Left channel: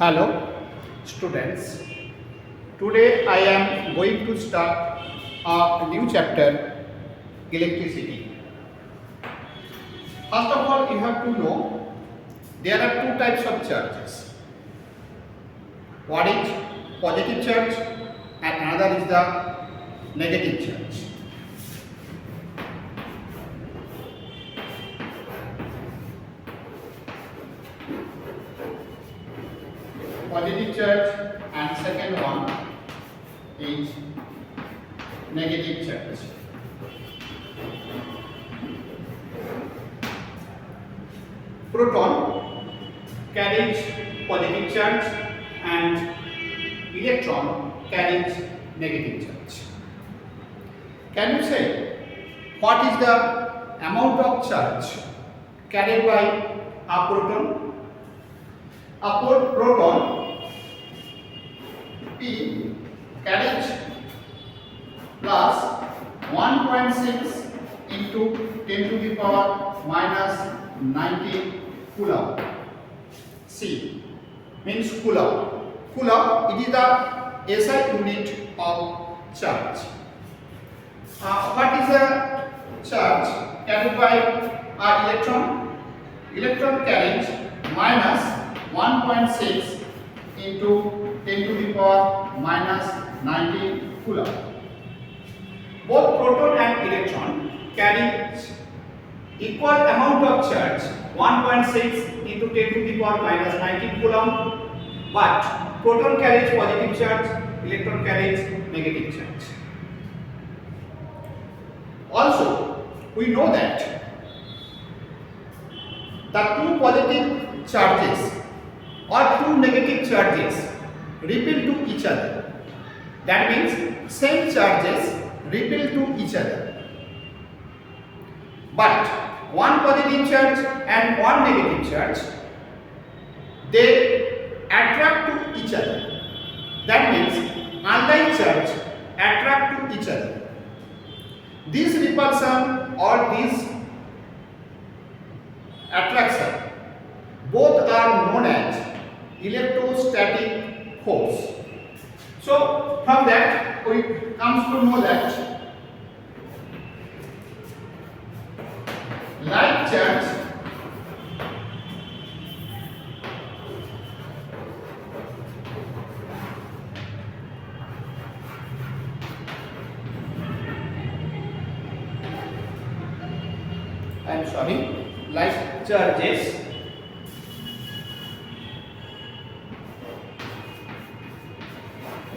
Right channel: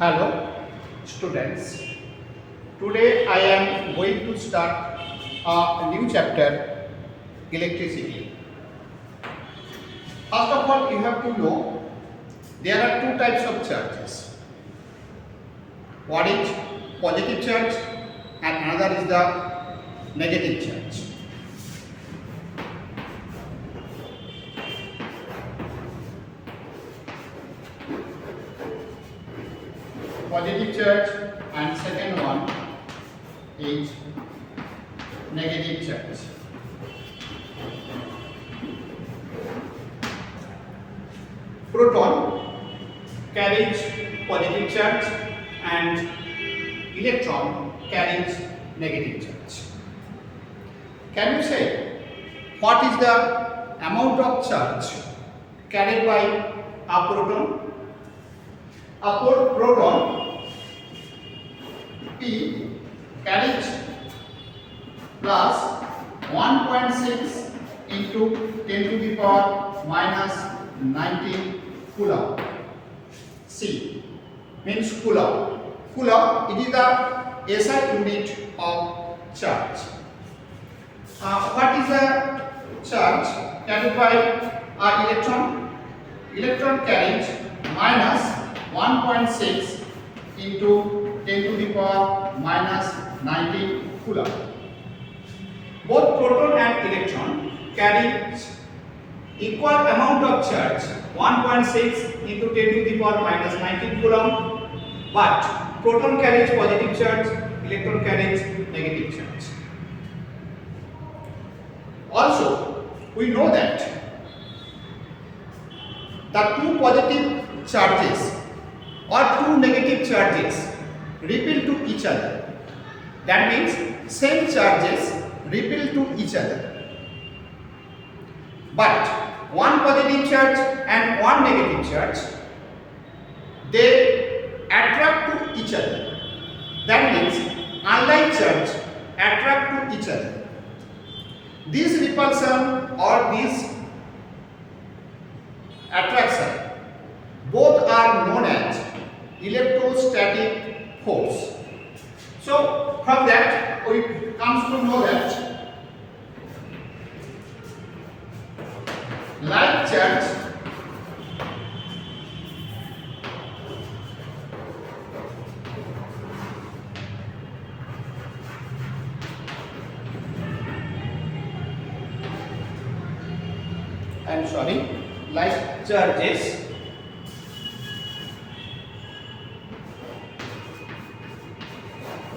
Hello students, today I am going to start a new chapter, electricity. First of all, you have to know there are two types of charges. One is positive charge and another is the negative charge. Positive charge and second one is negative charge. Proton carries positive charge and electron carries negative charge. Can you say what is the amount of charge carried by a proton? A proton P carries plus 1.6 into 10 to the power minus 19 Coulomb. C means Coulomb. Coulomb, it is the SI unit of charge. What is the charge carried by an electron? Electron carries minus 1.6 into 10 to the power minus 19 Coulomb. Both proton and electron carry equal amount of charge, 1.6 into 10 to the power minus 19 Coulomb, but proton carries positive charge, electron carries negative charge. Also, we know that the two positive charges or two negative charges repel to each other. That means same charges repel to each other. But one positive charge and one negative charge, they attract to each other. That means unlike charge attract to each other. This repulsion or this attraction both are known as electrostatic force. So from that we comes to know that like charge like charges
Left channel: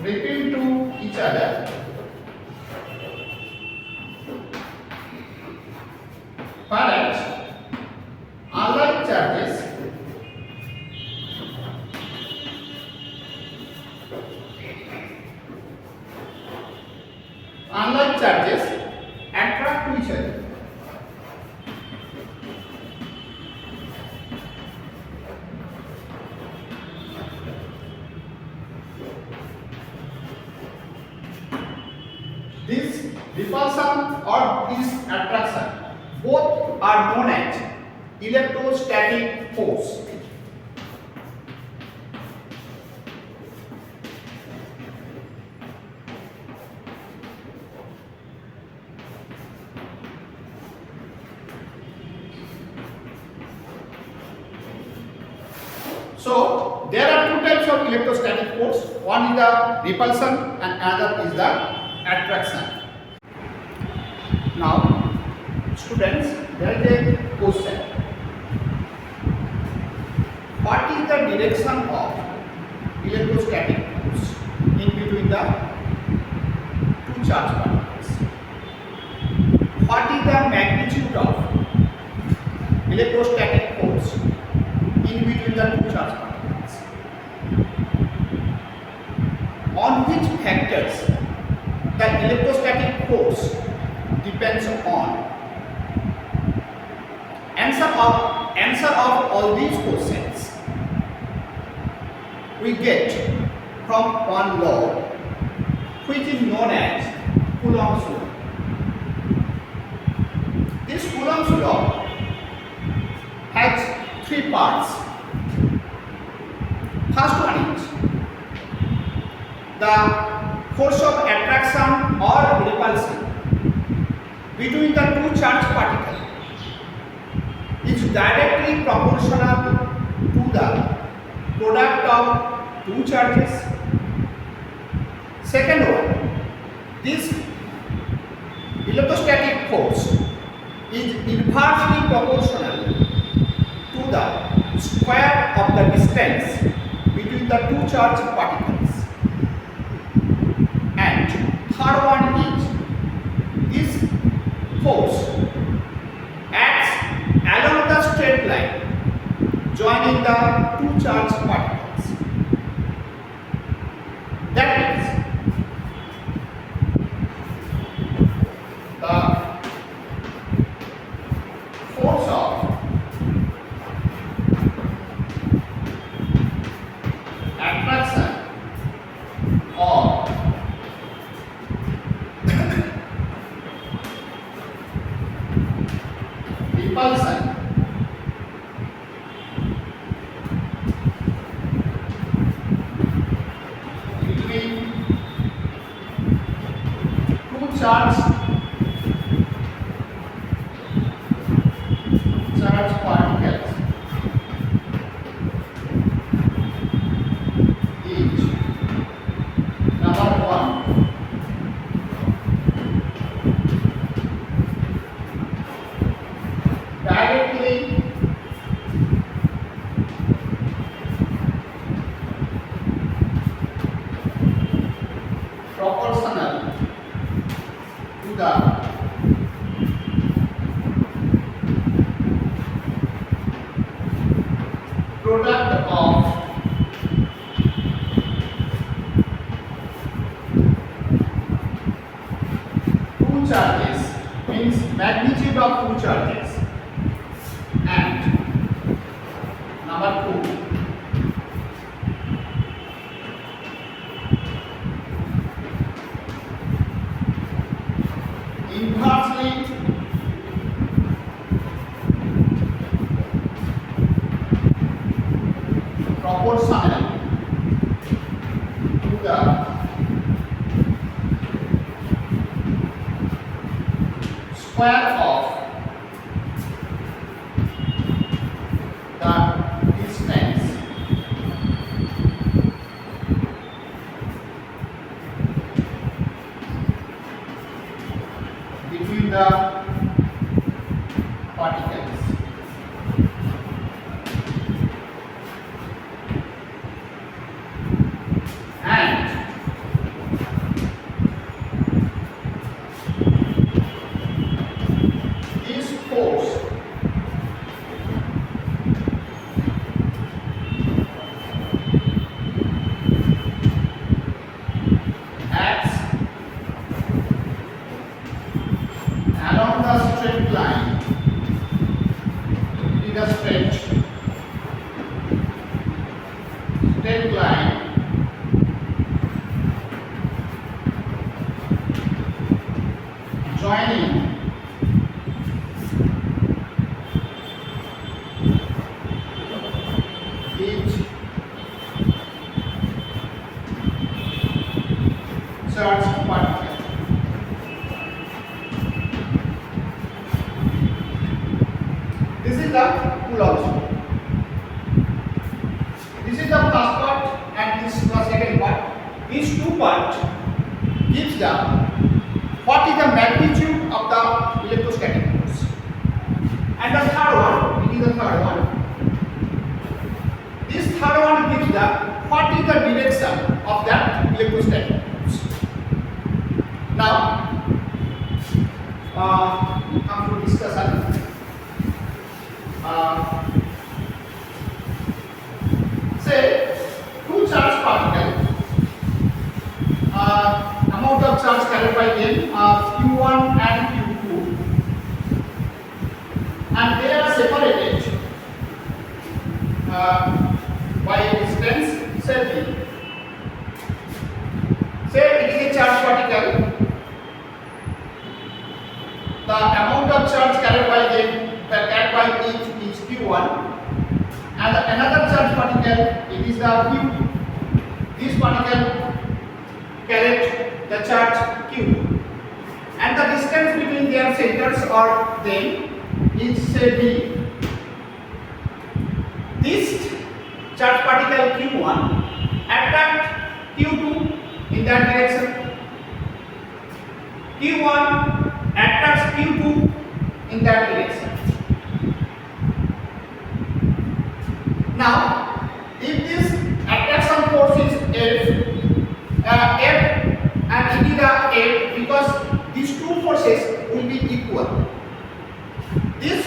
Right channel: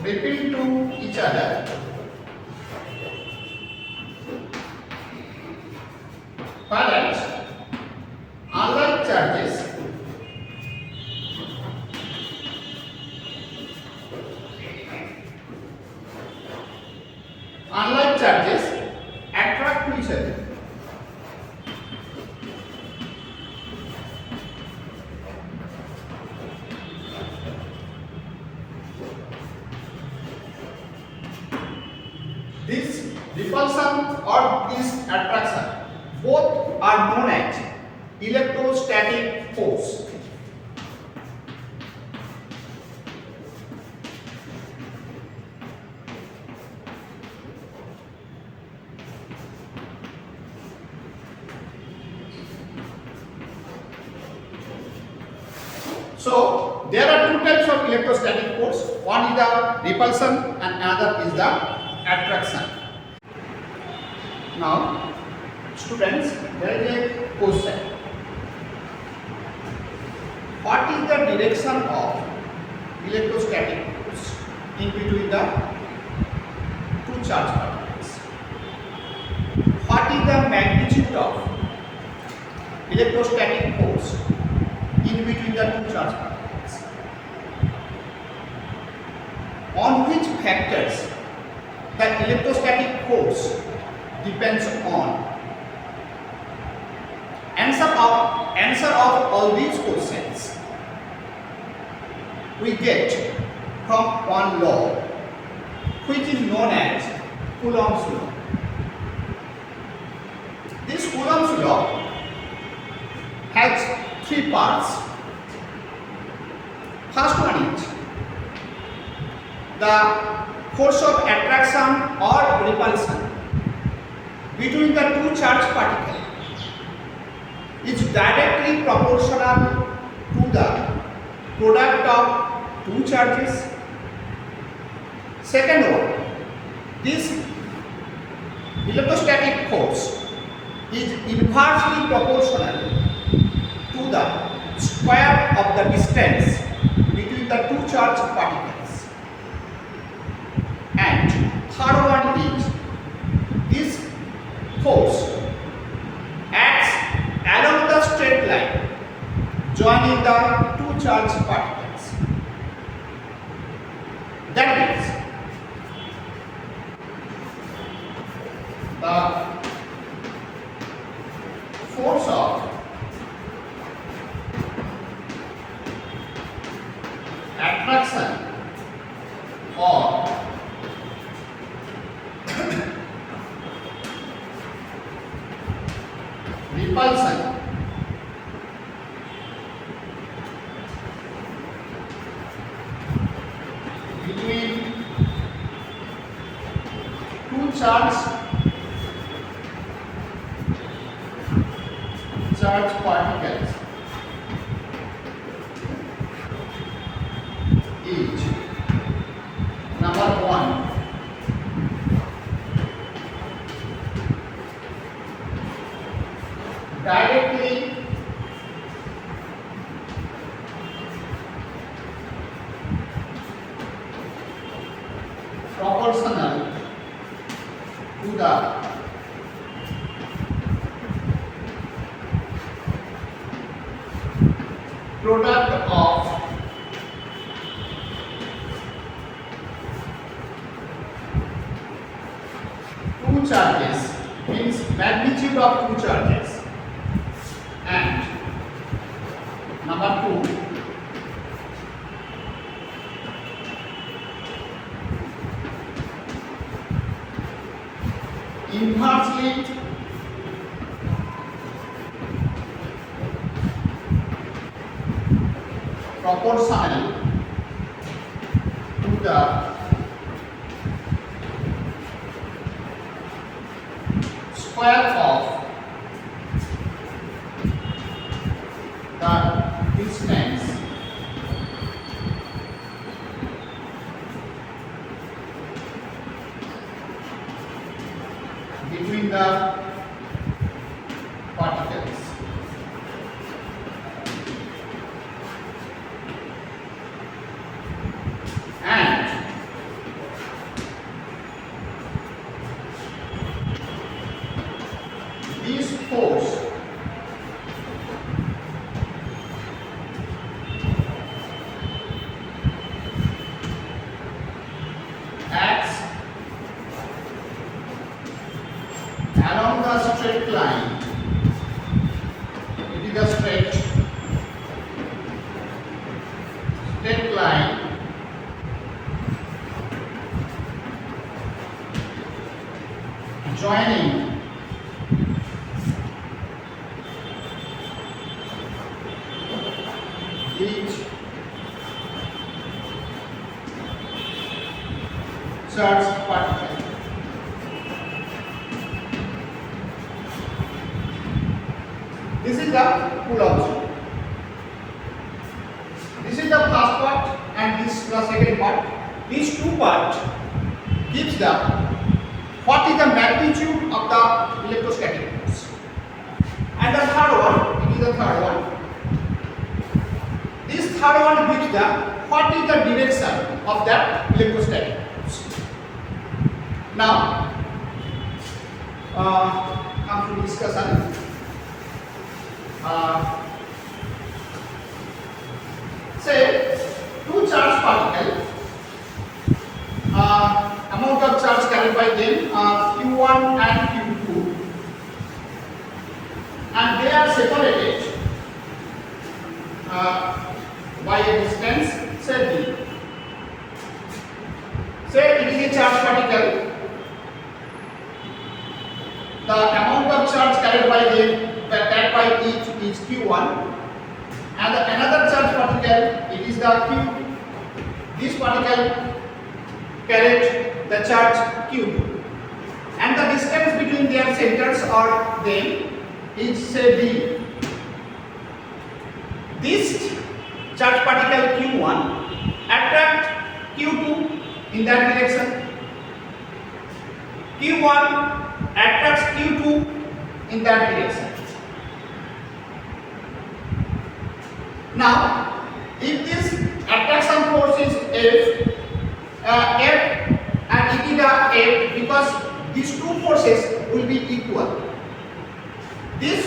repel to each other, whereas unlike charges attract to each other. This repulsion or this attraction both are known as electrostatic force. So there are two types of electrostatic force. One is the repulsion and another is the attraction. Now students, there is a question. What is the direction of electrostatic force in between the two charge particles? What is the magnitude of electrostatic force in between the two charge particles? On which factors the electrostatic force depends on? Answer of all these questions we get from one law which is known as Coulomb's law. This Coulomb's law has three parts. First one is the force of attraction or repulsion between the two charged particles is directly proportional to the product of two charges. Second one, this electrostatic force is inversely proportional to the square of the distance between the two charged particles. And third one is this force acts along the straight line joining the two charged particles. That means the force of attraction or repulsion between two charged particles is number one, directly proportional to the product of two charges, means magnitude of two charges. And number two, inversely proportional to the square of the distance between the particles. And this force acts along the straight line. It is a straight line joining each charged particle. This is the Coulomb's law. This is the first part and this is the second part. These two parts gives the what is the magnitude of the electrostatic force. And the third one, it is the third one. This third one gives the what is the direction of that electrostatic force. Now, come to discussion. Say two charged particles, amount of charge carried by them Q1 and Q2, and they are separated by a distance, say d. Say it is a charged particle, the amount of charge carried by them by each is Q1, and another charge particle, it is the Q2. This particle carried the charge Q2, and the distance between their centers or them is say d. This charge particle Q1 attract Q2 in that direction. Q1 attracts Q2 in that direction. Now, if this attraction force is F and it is the F, because these two forces will be equal. This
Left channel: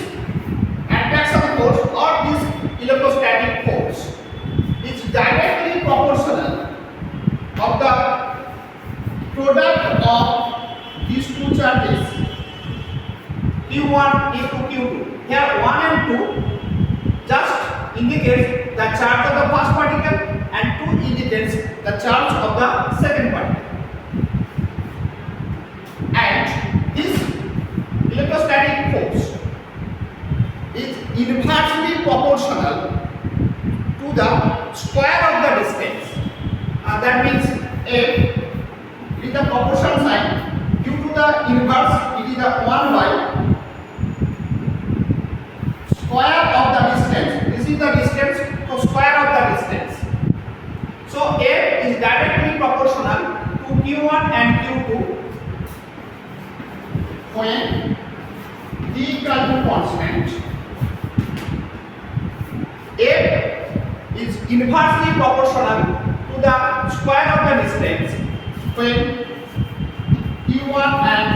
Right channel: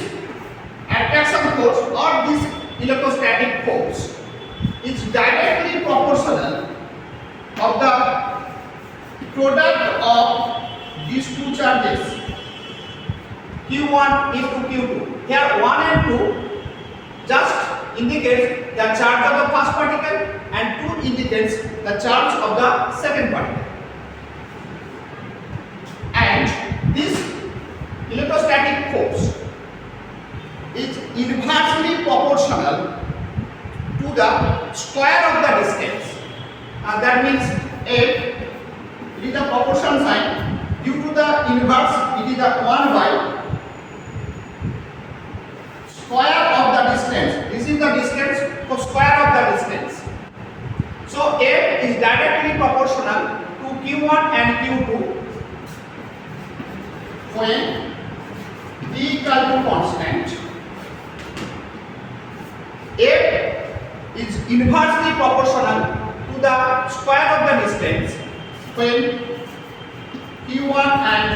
attraction force or this electrostatic force is directly proportional of the product of these two charges Q1 into Q2. Here 1 and 2 just indicates the charge of the first particle and 2 indicates the charge of the second particle. And this electrostatic force is inversely proportional to the square of the distance. That means F is the proportion sign. Due to the inverse, it is the 1 by square of the distance. This is the distance, so square of the distance. So F is directly proportional to Q1 and Q2 when D equal to constant. F is inversely proportional to the square of the distance when Q1 and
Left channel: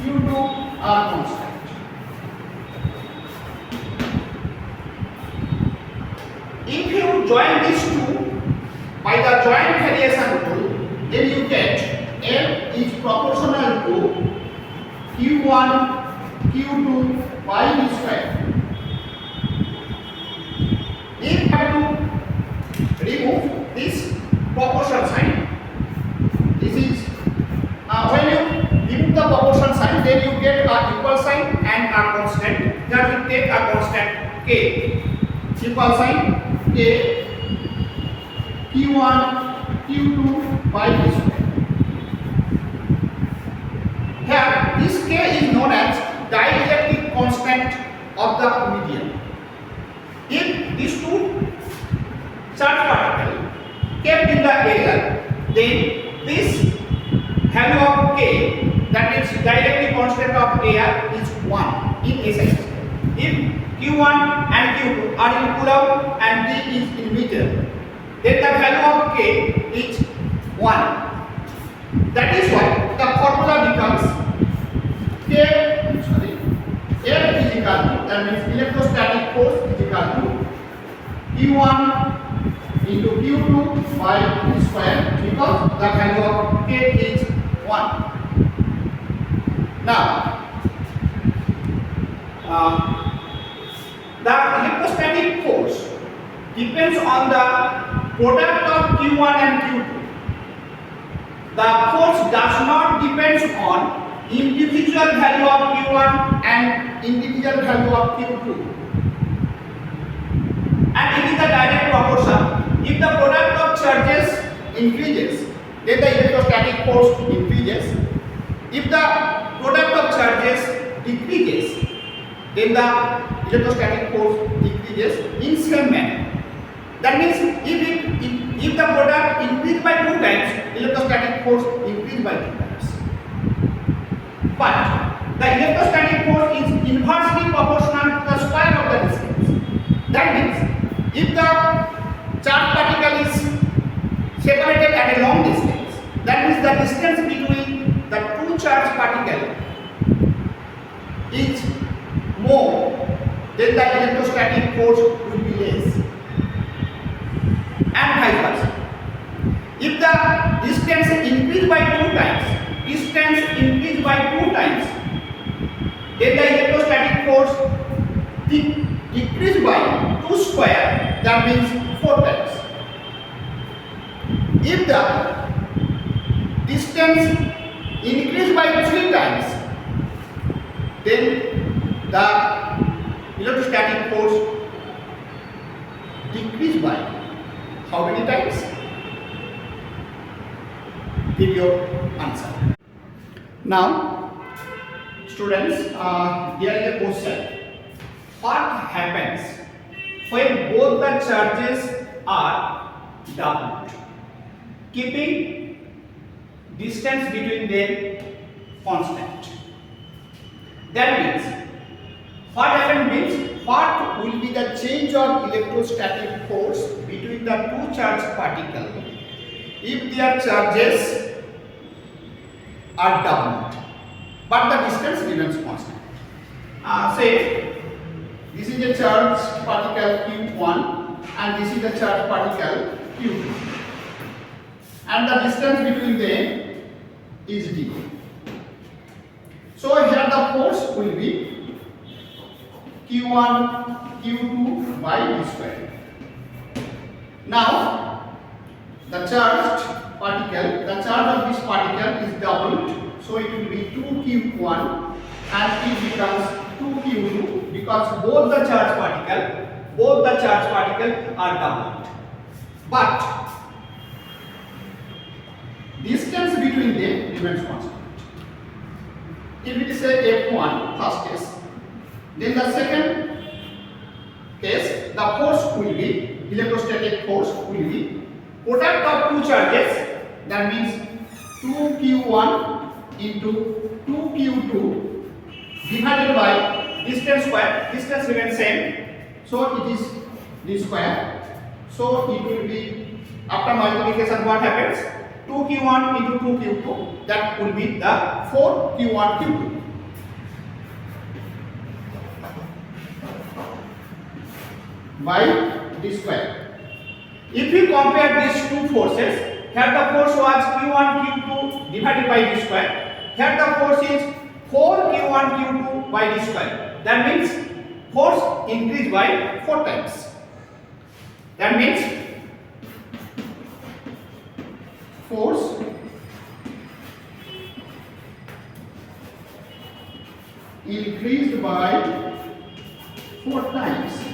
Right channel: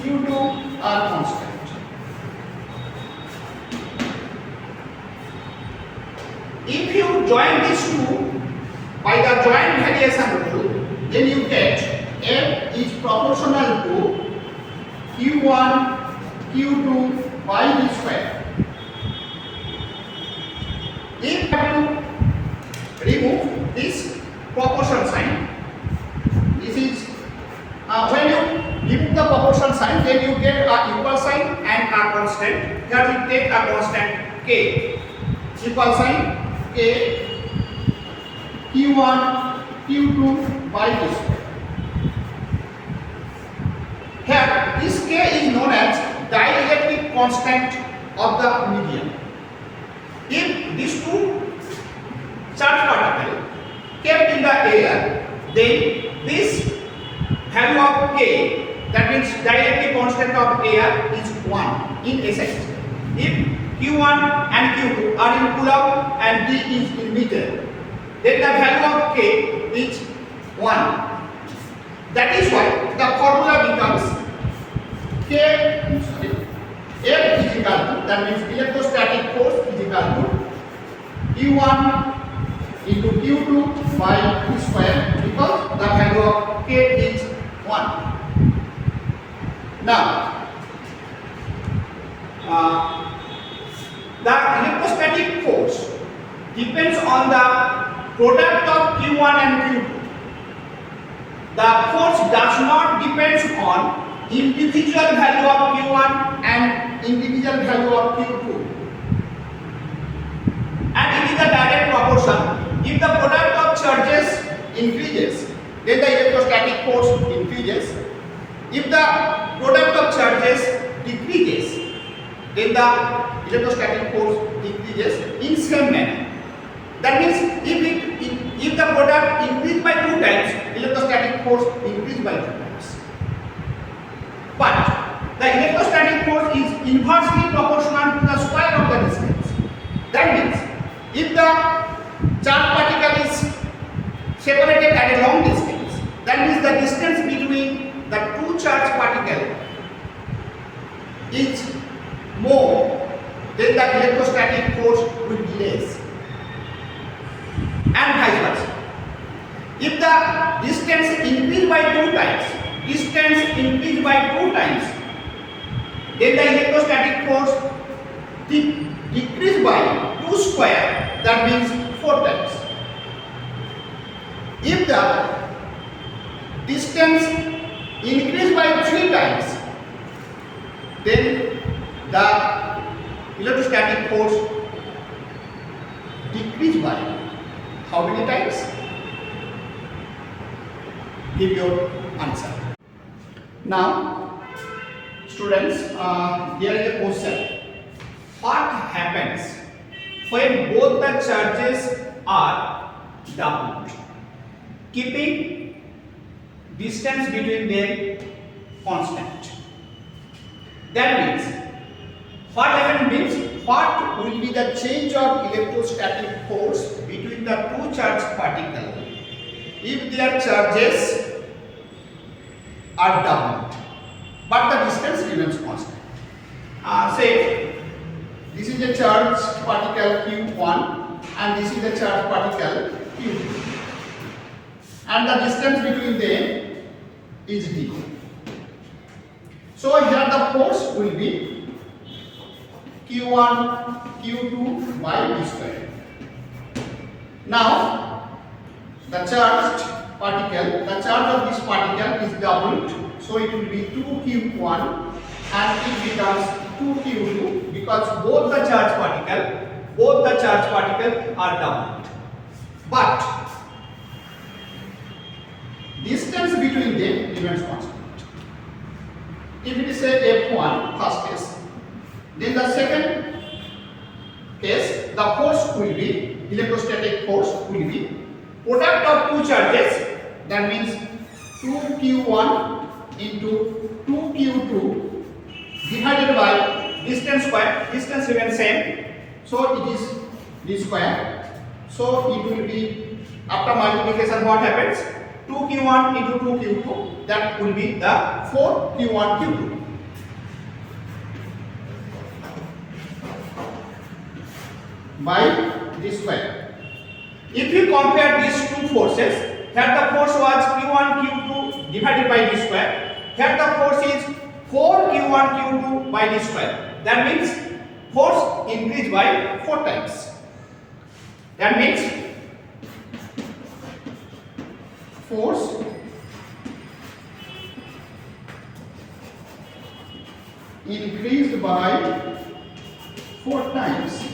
Q2 are constant. If you join these two by the joint variation rule, then you get F is proportional to Q1 Q2 by d square. If you have to remove this proportion sign, this is when you remove the proportion sign, then you get a equal sign and a constant. Here we take a constant k. Equal sign k Q1 Q2 by d square. Here this k is known as dielectric constant of the medium. If these two charge particles kept in the air, then this value of k, that means dielectric constant of air, is 1 in essence. If Q1 and Q2 are in Coulomb and D is in meter, then the value of k is 1. That is why the formula becomes F is equal to, that means electrostatic force is equal to Q1 into Q2 by d square, because the value of k is 1. Now, the electrostatic force depends on the product of Q1 and Q2. The force does not depend on individual value of Q1 and individual value of Q2. And it is a direct proportion. If the product of charges increases, then the electrostatic force increases. If the product of charges decreases, then the electrostatic force decreases in same manner. That means if the product increases by 2 times, electrostatic force increases by 2 times. But the electrostatic force is inversely proportional to the square of the distance. That means if the charge particle is separated at a long distance, that means the distance between the two charge particles is more, then the electrostatic force will be less, and vice versa. If the distance increases by 2 times, then the electrostatic force decrease by 2 square, that means 4 times. If the distance increase by 3 times, then the electrostatic force decrease by how many times? Give your answer. Now, students, here is a question. What happens when both the charges are doubled, keeping distance between them constant? That means, what happens means, what will be the change of electrostatic force between the two charged particles if their charges are doubled, but the distance remains constant? Say, this is the charged particle Q1 and this is the charged particle Q2, and the distance between them is d. So here the force will be Q1 Q2 by d square. Now the charge of this particle is doubled, so it will be 2Q1 and it becomes 2Q2 because both the charge particle are doubled, but distance between them remains constant. If it is a F1 first case, then the second case the force will be, electrostatic force will be product of two charges, that means 2Q1 into 2Q2 divided by distance square. Distance remains same, so it is d square. So it will be, after multiplication, what happens? 2Q1 into 2Q2, that will be the 4Q1 Q2. By d square. If you compare these two forces, here the force was Q1 Q2 divided by d square. Here the force is 4Q1 Q2 by d square. That means force increased by 4 times. That means force increased by 4 times.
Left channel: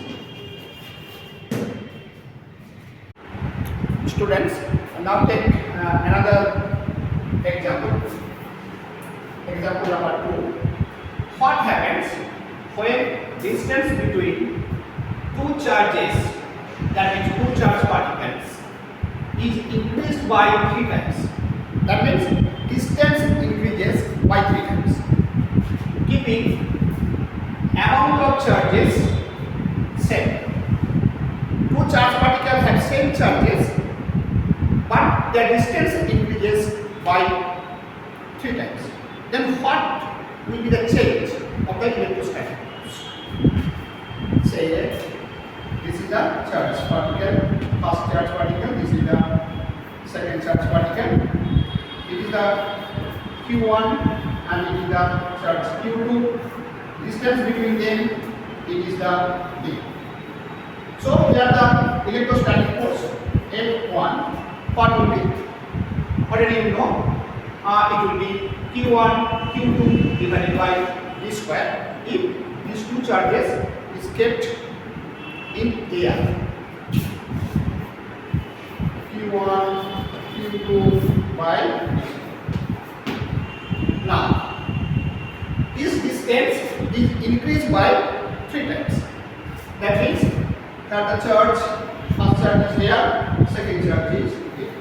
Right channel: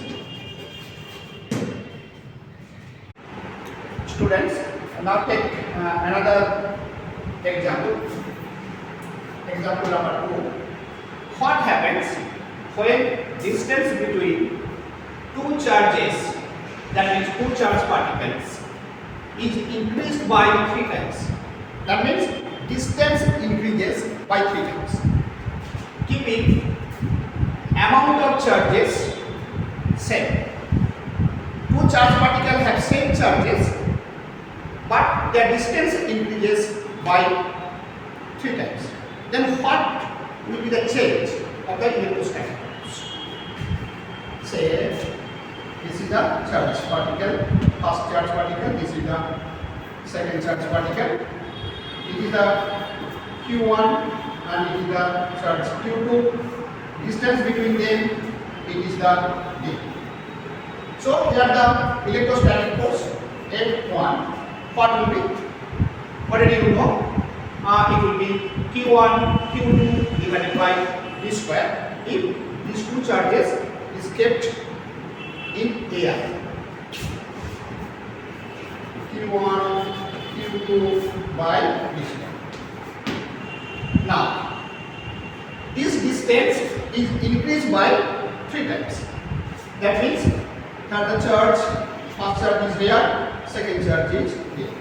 Students, now take another example. Example number 2. What happens when distance between two charges, that means two charged particles, is increased by 3 times? That means distance increases by 3 times, keeping amount of charges same. Two charged particles have same charges, but their distance increases by 3 times. Then what will be the change of the electrostatic force? Say, this is the charged particle, first charged particle, this is the second charged particle. It is the Q1 and it is the charge Q2. Distance between them, it is the d. So here the electrostatic force F1, what will be? Already you know, it will be Q1 Q2 divided by d square if these two charges is kept in air. Q1 Q2 by d square. Now this distance is increased by 3 times. That means that the charge, first charge is there, second charge is here.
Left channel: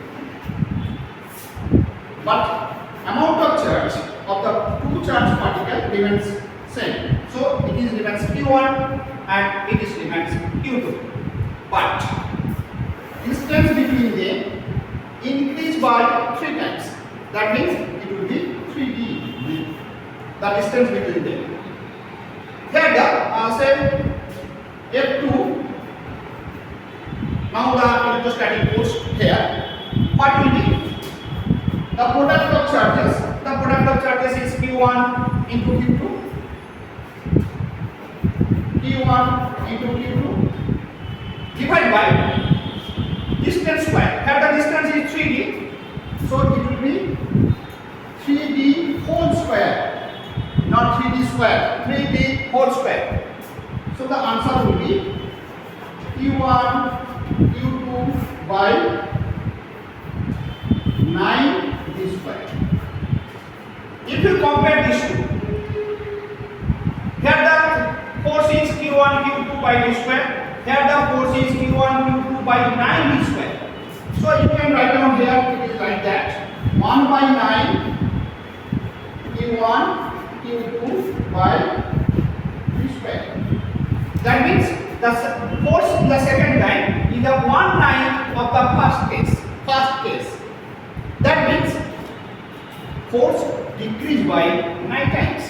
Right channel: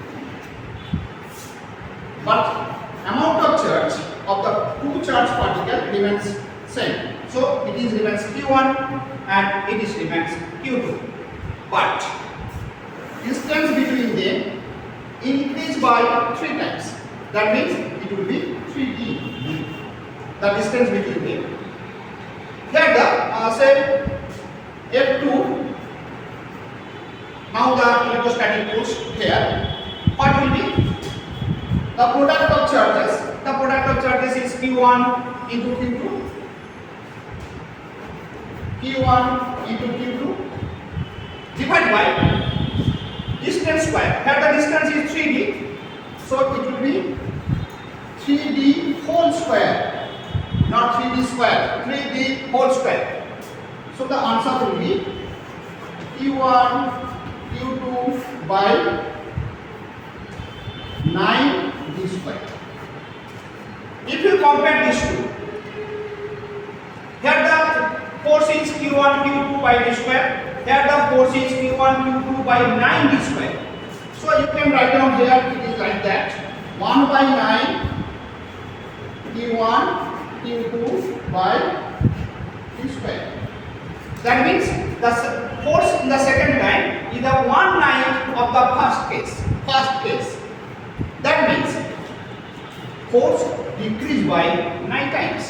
But amount of charge of the two charged particle remains same. So it is remains Q1 and it is remains Q2. But distance between them increased by 3 times. That means it will be 3d. The distance between them. Here the say F2. Now the electrostatic force here. What will be? The product of charges. The product of charges is Q1 into Q2. Q1 into Q2 divided by distance square. Here the distance is 3d. So it will be 3d whole square. Not 3d square, 3d whole square. So the answer will be Q1 Q2 by 9 d square. If you compare these two, here the force is Q1 Q2 by d square, here the force is Q1 Q2 by 9 d square. So you can write down here, it is like that, 1 by 9 Q1 Q2 by d square. That means the force in the second time is the 1/9 of the first case. First case. That means force decreased by 9 times.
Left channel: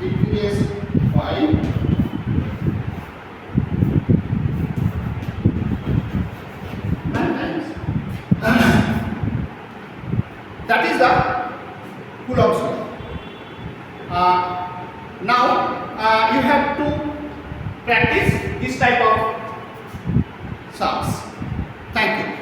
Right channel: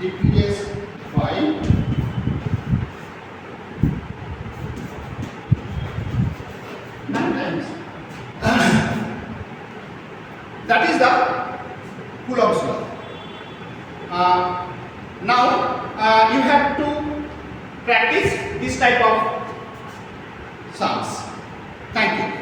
Decrease by 9 times. That is the Coulomb's law. Now you have to practice this type of sums. Thank you.